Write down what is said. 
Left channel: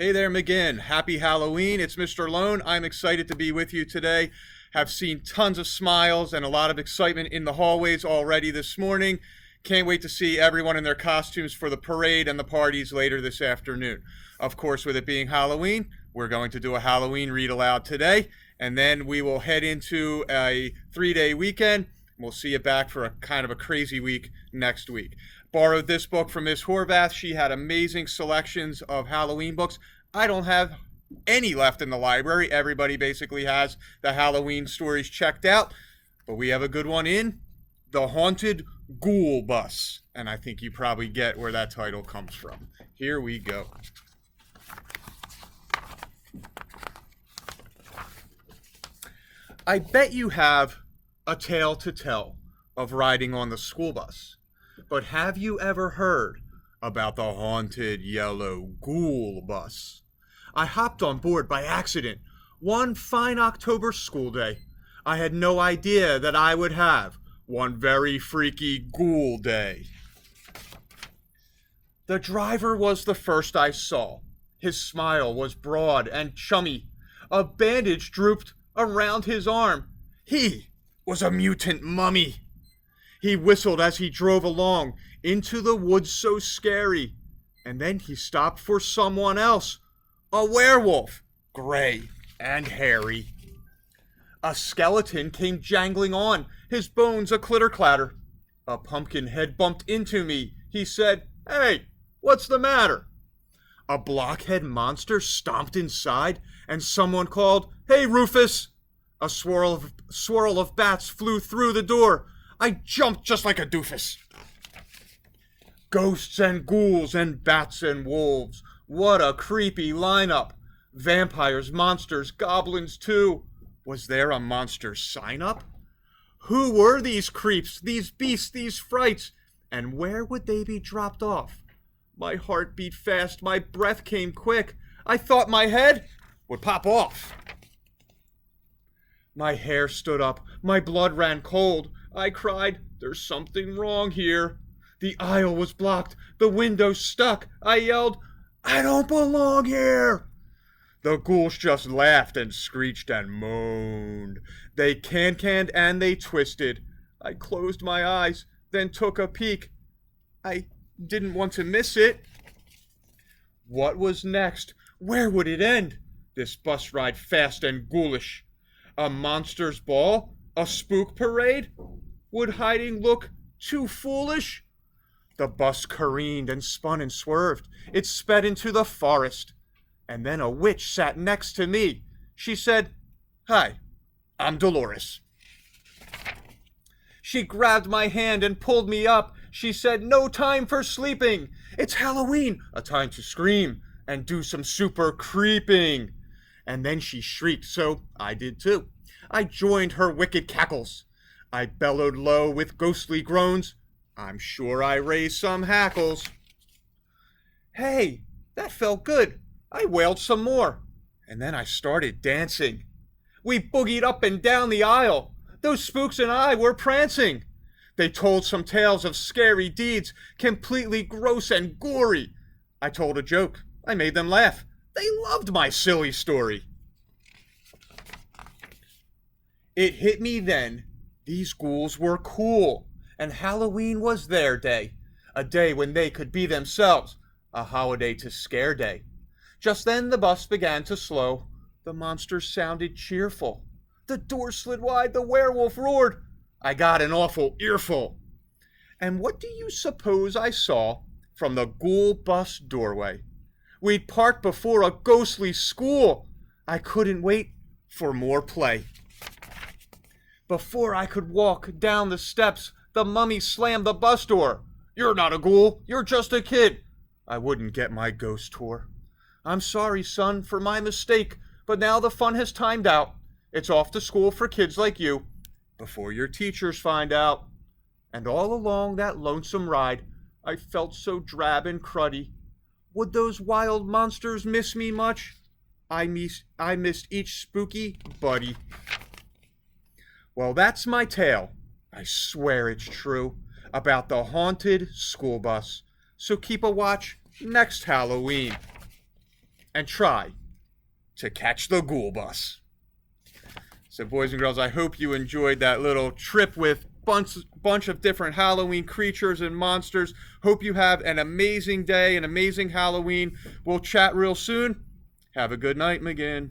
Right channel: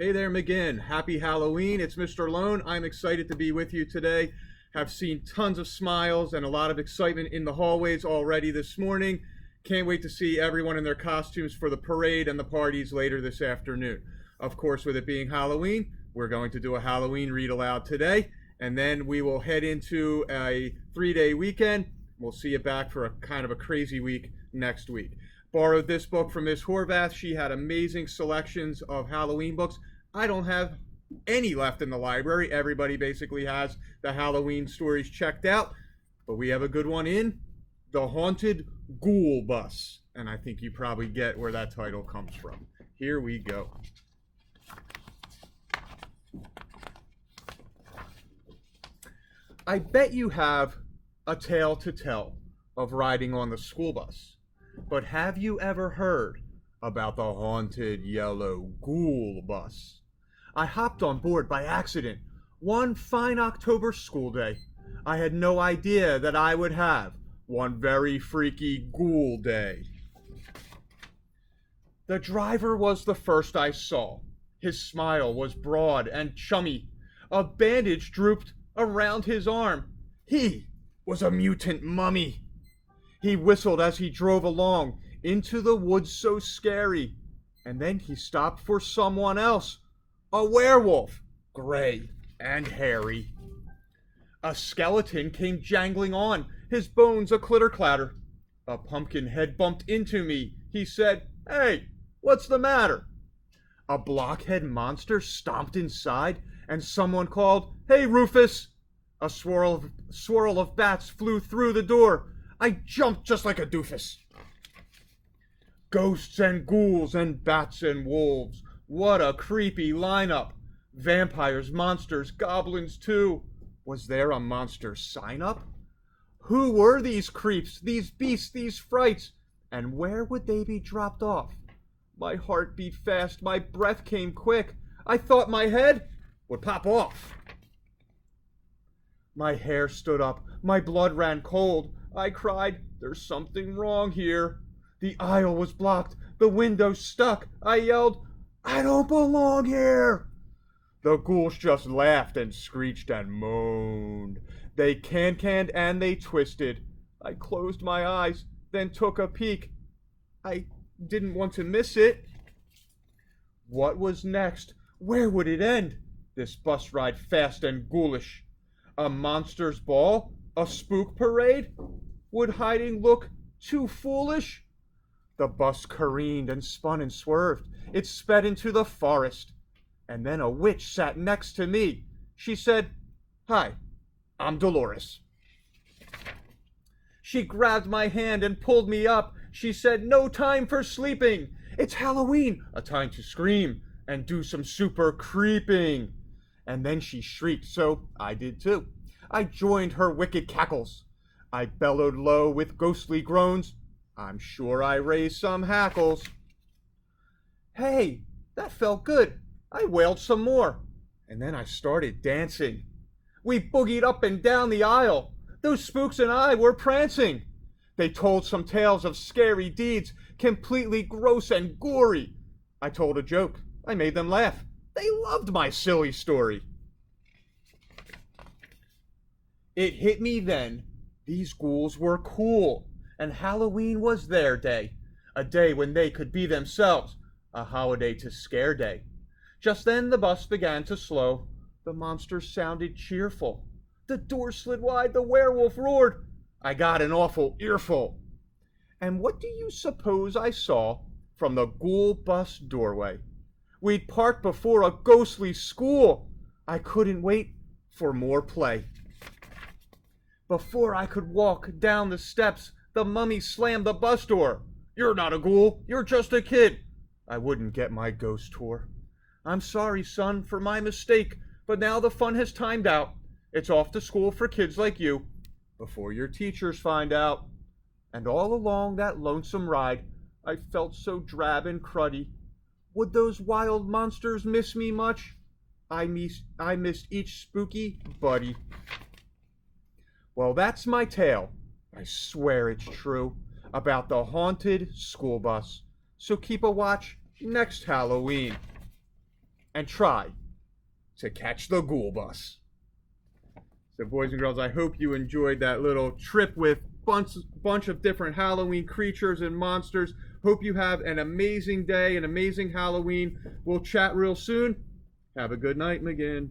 Hey there, McGinn. Happy Halloween. It's Mr. Lohn. I'm excited to be with you today. Have seen tons of smiles and a lot of excitement in the hallways already this morning. Can't wait to see everyone in their costumes for the parade and the parties later this afternoon. Of course, with it being Halloween, we're going to do a Halloween read aloud today, and then we will head into a 3-day weekend. We'll see you back for a kind of a crazy week next week. Borrowed this book from Miss Horvath. She had amazing selections of Halloween books. I don't have any left in the library. Everybody basically has the Halloween stories checked out. But we have a good one in The Haunted Ghoul Bus. And I think you probably get where that title comes from. Here we go. I bet you have a tale to tell of riding on the school bus. But have you ever heard about the haunted yellow ghoul bus? I hopped on board by accident one fine October school day. I had no idea that I would have one very freaky ghoul day. The driver was the first I saw. His smile was broad and chummy. A bandage drooped around his arm. He was a mutant mummy. He whistled as he drove along into the woods so scary. And then he stopped for someone else. A werewolf, gray and hairy. A skeleton came jangling on, his bones a clitter-clatter. A pumpkin head bumped into me. He said, "Hey, what's the matter?" A blockhead monster stomped inside, and someone called, "Hey, Rufus!" A swirl of bats flew through the door. I jumped just like a doofus. Ghosts and ghouls and bats and wolves. What a creepy lineup. Vampires, monsters, goblins too. Was there a monster sign-up? Who were these creeps, these beasts, these frights? And where would they be dropped off? My heart beat fast, my breath came quick. I thought my head would pop off. My hair stood up, my blood ran cold. I cried, "There's something wrong here." The aisle was blocked, the window stuck. I yelled, "I don't belong here." The ghouls just laughed and screeched and moaned. They can-canned and they twisted. I closed my eyes, then took a peek. I didn't want to miss it. What was next? Where would it end? This bus ride fast and ghoulish. A monster's ball? A spook parade? Would hiding look too foolish? The bus careened and spun and swerved. It sped into the forest. And then a witch sat next to me. She said, "Hi, I'm Dolores." She grabbed my hand and pulled me up. She said, "No time for sleeping. It's Halloween, a time to scream and do some super creeping." And then she shrieked, so I did too. I joined her wicked cackles. I bellowed low with ghostly groans. I'm sure I raised some hackles. Hey, that felt good. I wailed some more. And then I started dancing. We boogied up and down the aisle. Those spooks and I were prancing. They told some tales of scary deeds, completely gross and gory. I told a joke. I made them laugh. They loved my silly story. It hit me then. These ghouls were cool, and Halloween was their day, a day when they could be themselves, a holiday to scare day. Just then the bus began to slow. The monsters sounded cheerful. The door slid wide, the werewolf roared. I got an awful earful. And what do you suppose I saw from the ghoul bus doorway? We'd parked before a ghostly school. I couldn't wait for more play. Before I could walk down the steps, the mummy slammed the bus door. "You're not a ghoul, you're just a kid." I wouldn't get my ghost tour. "I'm sorry, son, for my mistake, but now the fun has timed out. It's off to school for kids like you, before your teachers find out." And all along that lonesome ride, I felt so drab and cruddy. Would those wild monsters miss me much? I missed each spooky buddy. Well, that's my tale. I swear it's true, about the haunted school bus. So keep a watch next Halloween. and try to catch the Ghoul bus. So, boys and girls, I hope you enjoyed that little trip with bunch of different Halloween creatures and monsters. Hope you have an amazing day, an amazing Halloween. We'll chat real soon. Have a good night, McGinn.